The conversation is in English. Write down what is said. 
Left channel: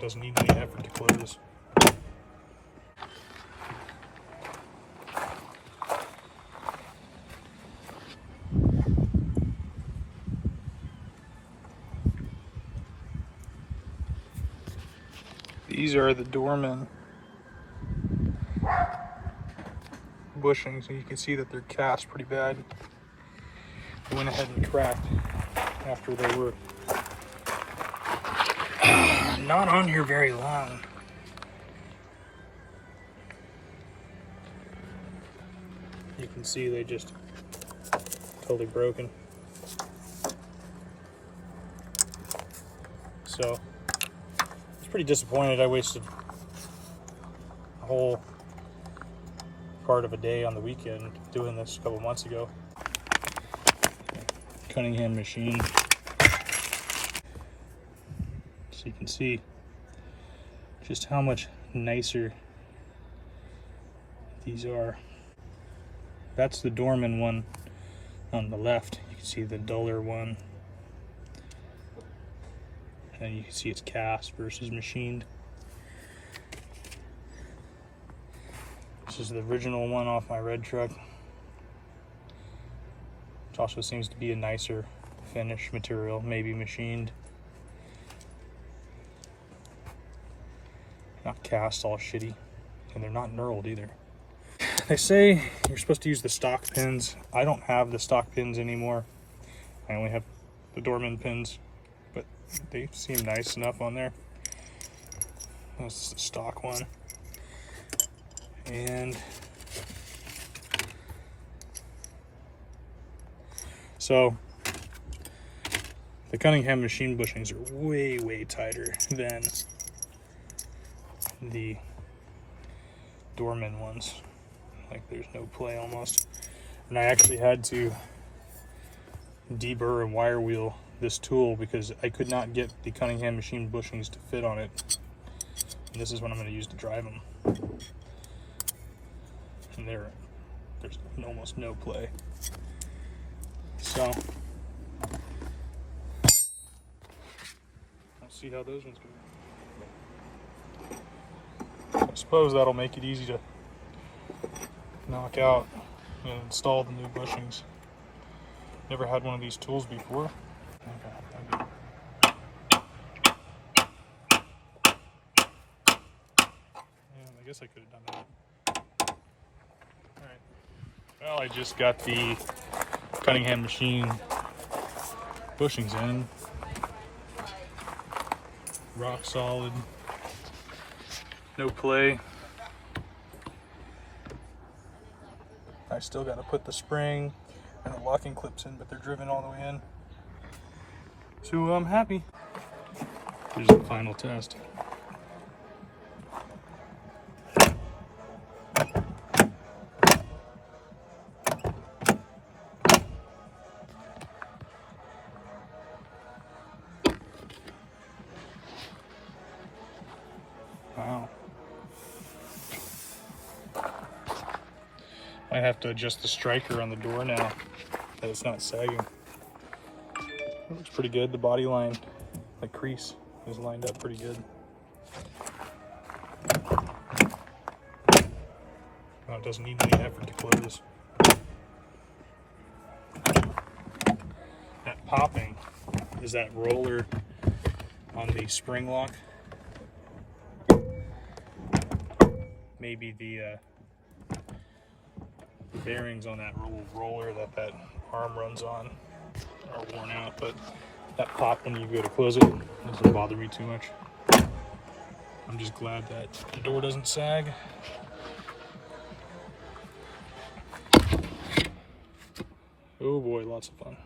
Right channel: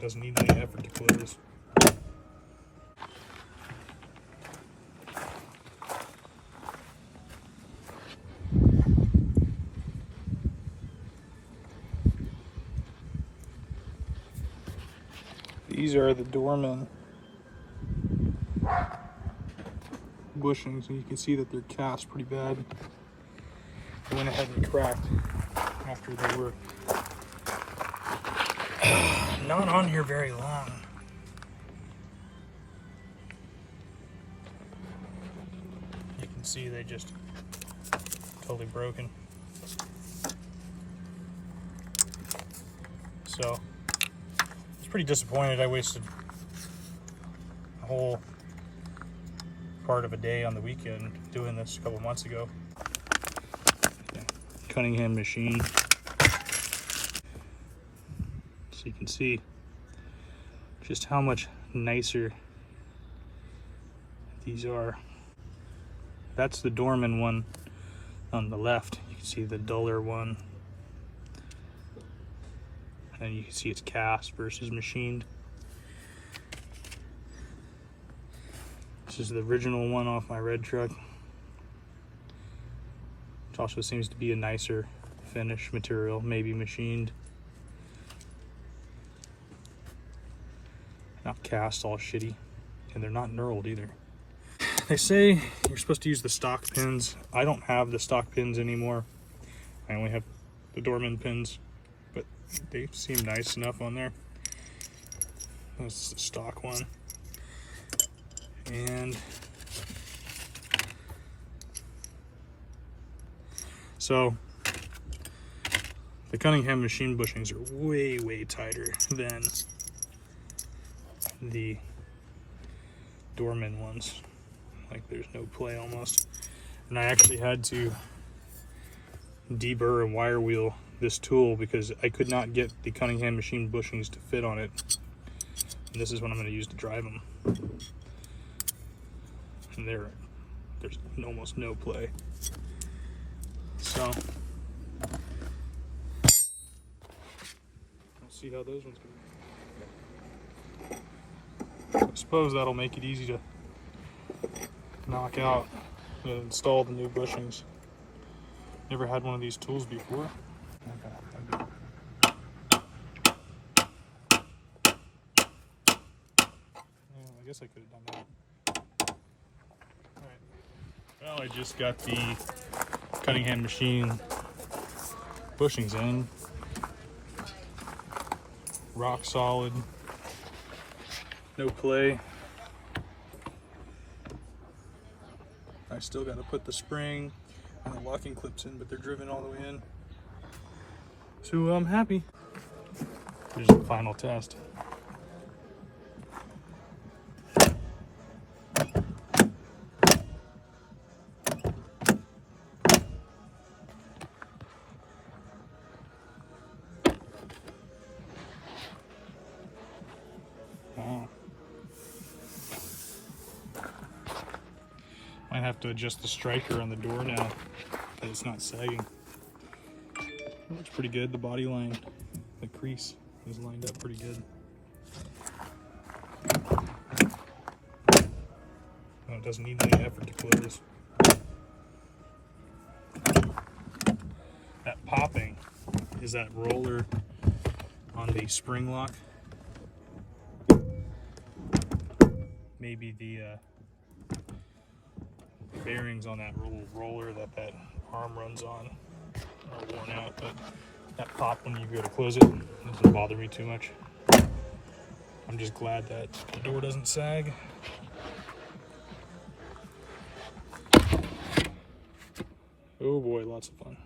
It doesn't need any effort to close. These are the Dorman bushings, and you can see that they're cast pretty bad. I went ahead and cracked after they were not on here very long. You can see they just totally broken. So it's pretty disappointed. I wasted a whole part of a day on the weekend doing this a couple months ago. Cunningham Machine. So you can see just how much nicer these are. That's the Dorman one on the left. You can see the duller one. And you can see it's cast versus machined. This is the original one off my red truck. Which also seems to be a nicer finish material, maybe machined. Not cast all shitty, and they're not knurled either. They say you're supposed to use the stock pins. I don't have the stock pins anymore. I only have the Dorman pins, but they seem nice enough on there. This is the stock one. And so the Cunningham Machine bushings are way tighter than the Dorman ones. Like there's no play almost. And I actually had to deburr and wire wheel this tool because I could not get the Cunningham Machine bushings to fit on it. And this is what I'm going to use to drive them. And there's almost no play. So let's see how those ones go. I suppose that'll make it easy to knock out and install the new bushings. Never had one of these tools before. Okay. I guess I could have done that. Alright. Well, I just got the Cunningham Machine bushings in. Rock solid. No play. I still got to put the spring and the locking clips in, but they're driven all the way in. So I'm happy. Here's the final test. Wow. I have to adjust the striker on the door now because it's not sagging. It looks pretty good. The body line, the crease is lined up pretty good. Well, it doesn't need any effort to close. That popping is that roller on the spring lock. Maybe the bearings on that roller that arm runs on are worn out, but that pop when you go to close it doesn't bother me too much. I'm just glad that the door doesn't sag. Oh boy, lots of fun.